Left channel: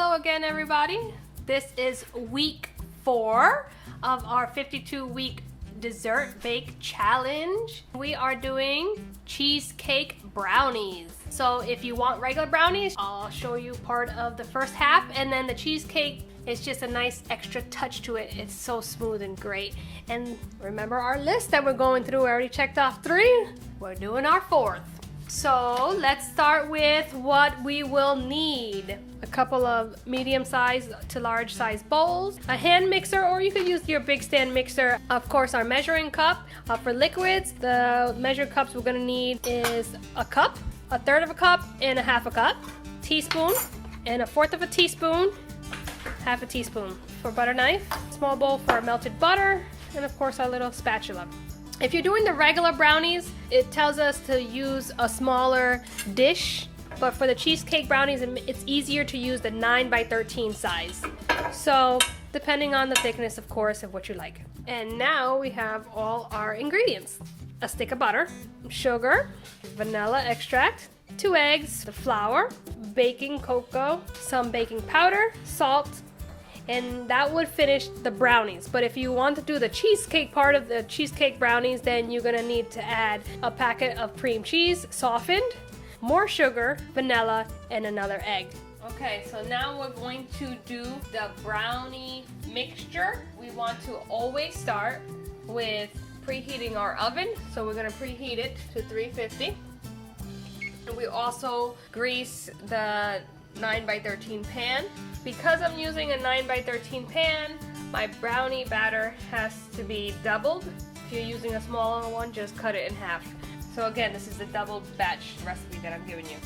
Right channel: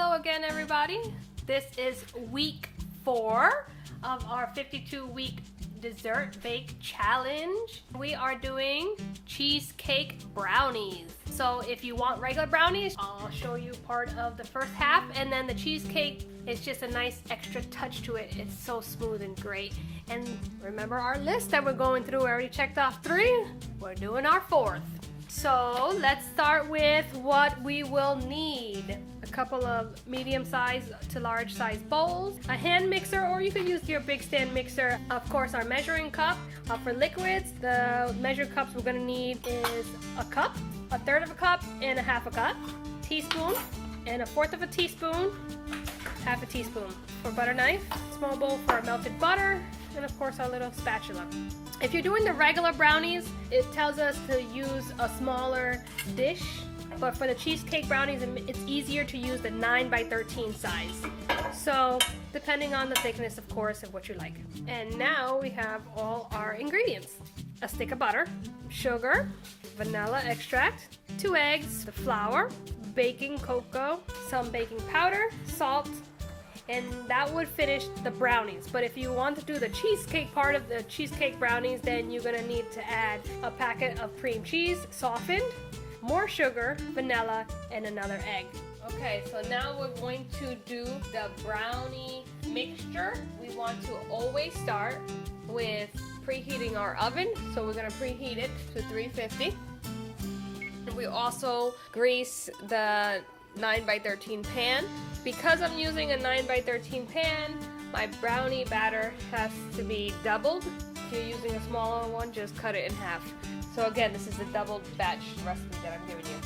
Hello again, everybody. This is week 4 of our 52-week dessert bake challenge. We are doing cheesecake brownies. So if you want regular brownies, I'll show you part of the first half, and then the cheesecake is just a nice extra touch to it. It's so smooth and great. And remember our list that we're going through. We already checked off 3. We're doing our 4th. So let's start with what we will need. A couple of medium-sized to large-sized bowls, a hand mixer, or you could use your big stand mixer. Of course, our measuring cup. For liquids, the measured cups we're gonna need is a cup, a third of a cup, and a half a cup. Teaspoon, and a fourth of a teaspoon, half a teaspoon. For butter knife, small bowl for melted butter, and of course our little spatula. If you're doing the regular brownies, it tells us to use a smaller dish, but for the cheesecake brownies, it's easier to use the 9x13 size. So, depending on the thickness, of course, of what you like. And now we have all our ingredients. A stick of butter, sugar, vanilla extract, 2 eggs, the flour, baking cocoa, some baking powder, salt, and that would finish the brownies. But if you want to do the cheesecake part of the cheesecake brownies, then you're gonna need to add a packet of cream cheese, softened, more sugar, vanilla, and another egg. Okay, so now we're going to do the brownie mixture. We want to always start with preheating our oven. So we're gonna preheat it to 350. We also grease the 9x13 pan. Because I'm using a 9x13 pan, my brownie batter has to be doubled. If you're using a smaller one, just cut it in half. So again, this is the double batch recipe that I'm giving you.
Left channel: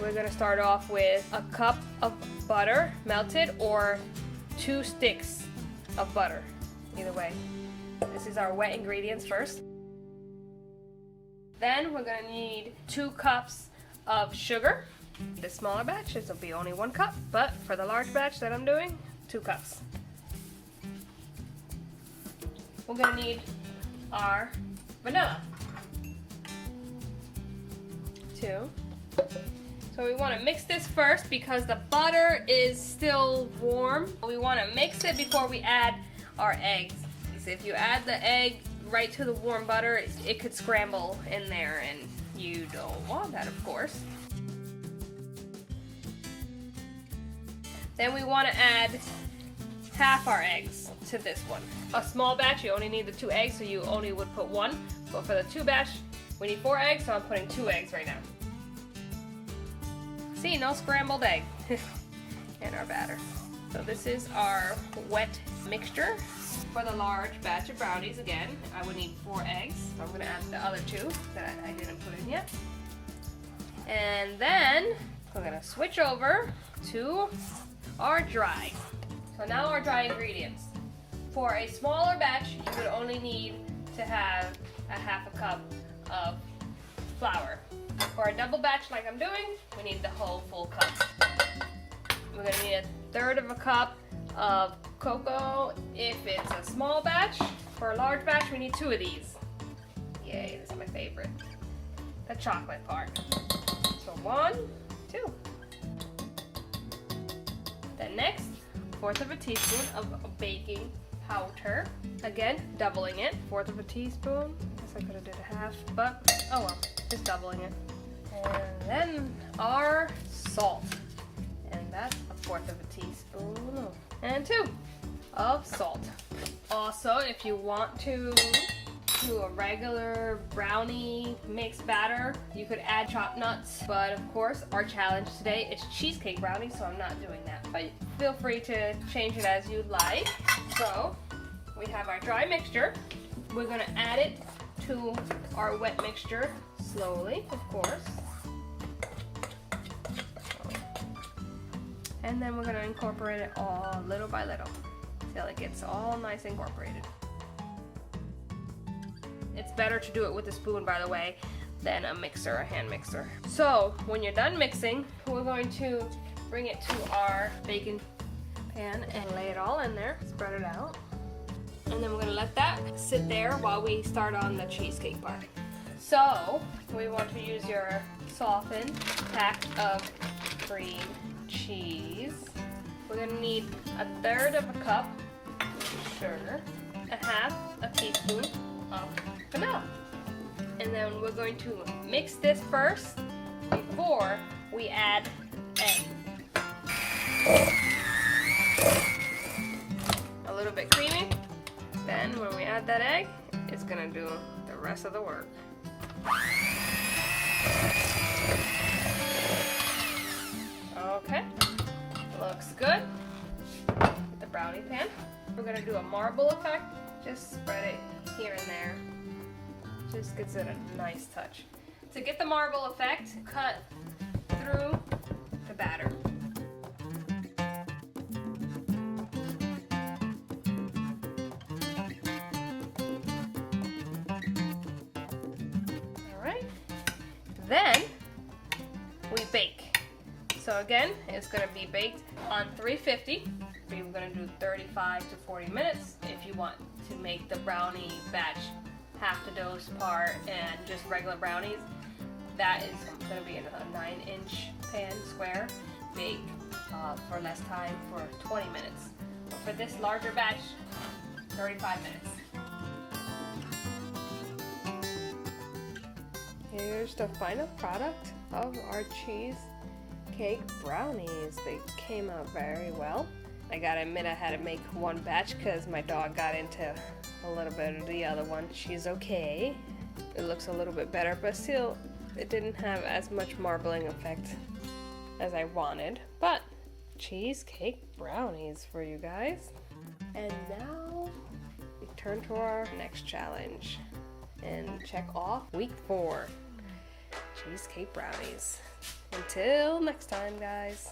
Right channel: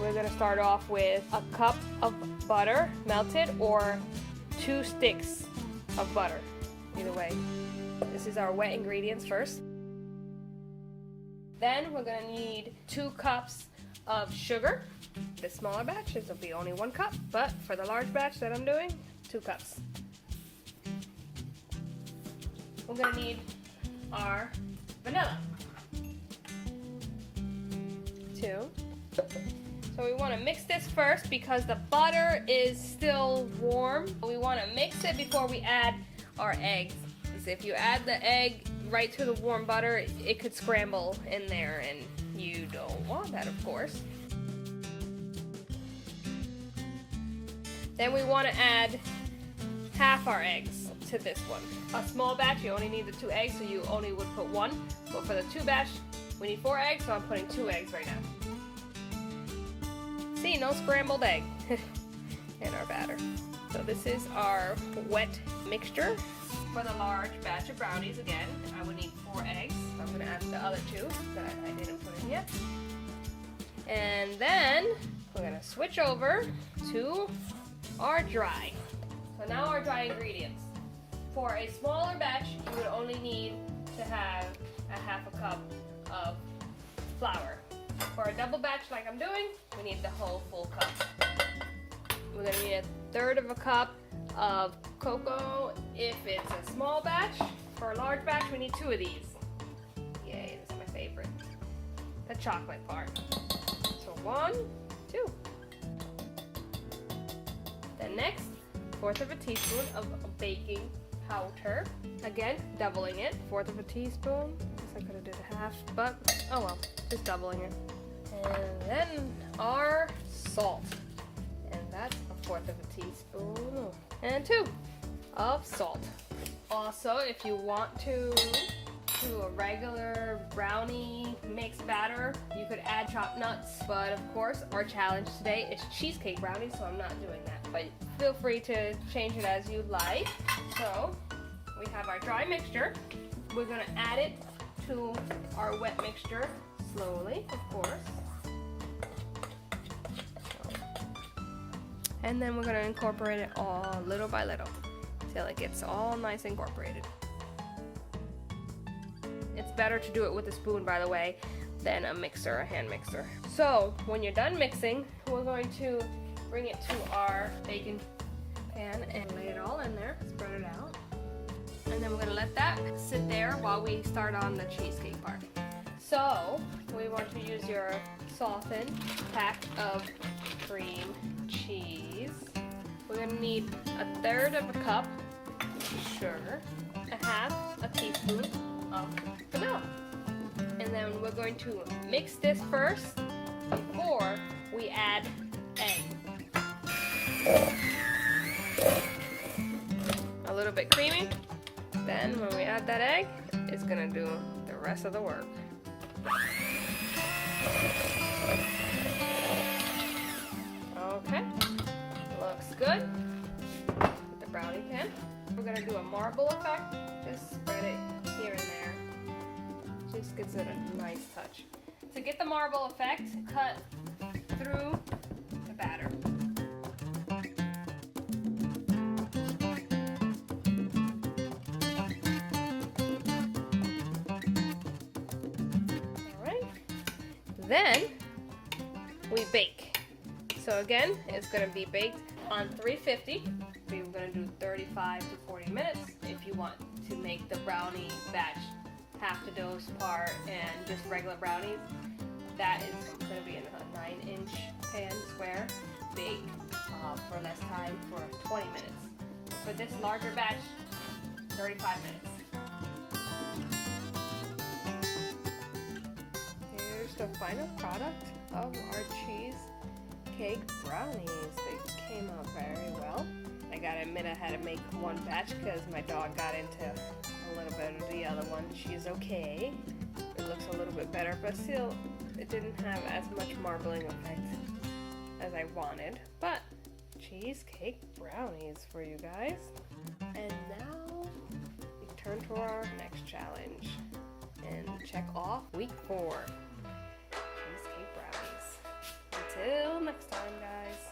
We're gonna start off with a cup of butter, melted, or 2 sticks of butter. Either way. This is our wet ingredients first. Then we're gonna need 2 cups of sugar. The smaller batch, this will be only 1 cup, but for the large batch that I'm doing, 2 cups. We're gonna need our vanilla. 2. So we want to mix this first because the butter is still warm. We want to mix it before we add our eggs. If you add the egg right to the warm butter, it could scramble in there, and you don't want that, of course. Then we want to add half our eggs to this one. A small batch, you only need the 2 eggs, so you only would put 1. But for the 2 batch, we need 4 eggs, so I'm putting 2 eggs right now. See, no scrambled egg in our batter. So this is our wet mixture. For the large batch of brownies, again, I would need 4 eggs. So I'm going to add the other 2 that I didn't put in yet. And then we're going to switch over to our dry. So now our dry ingredients. For a smaller batch, you would only need to have a half a cup of flour. For a double batch like I'm doing, we need the whole full cup. We're gonna need a third of a cup of cocoa if it's a small batch. For a large batch, we need 2 of these. Yay, this is my favorite. The chocolate part. So 1, 2. Then next, 1/4 of a teaspoon of baking powder. Again, doubling it. 1/4 of a teaspoon. I guess I could have did a half, but oh well, just doubling it. And then our salt. And that's a 1/4 of a teaspoon. And 2 of salt. Also, if you want to do a regular brownie mix batter, you could add chopped nuts, but of course our challenge today is cheesecake brownie, so I'm not doing that, but feel free to change it as you like. So we have our dry mixture. We're going to add it to our wet mixture slowly, of course, and then we're going to incorporate it all little by little till it gets all nice incorporated. It's better to do it with a spoon, by the way, than a mixer, a hand mixer. So when you're done mixing, we're going to bring it to our baking pan and lay it all in there, spread it out. And then we're gonna let that sit there while we start on the cheesecake part. So we want to use your softened pack of cream cheese. gonna need a third of a cup sugar, a half a teaspoon of vanilla. And then we're going to mix this first before we add egg. A little bit creamy. Then when we add that egg, it's gonna do the rest of the work. Okay, looks good. The brownie pan. We're gonna do a marble effect. Just spread it here and there. Just gives it a nice touch. To get the marble effect, cut through the batter. Alright. Then we bake. So again, it's going to be baked on 350. We're going to do 35 to 40 minutes if you want to make the brownie batch half the dose part and just regular brownies. That is going to be in a 9-inch pan square, bake for less time for 20 minutes. For this larger batch, 35 minutes. Here's the final product of our cheesecake brownies. They came out very well. I gotta admit I had to make one batch because my dog got into a little bit of the other one. She's okay. It looks a little bit better, but still it didn't have as much marbling effect as I wanted. But cheesecake brownies for you guys. And now we turn to our next challenge and check off week 4. Cheesecake brownies. Until next time, guys.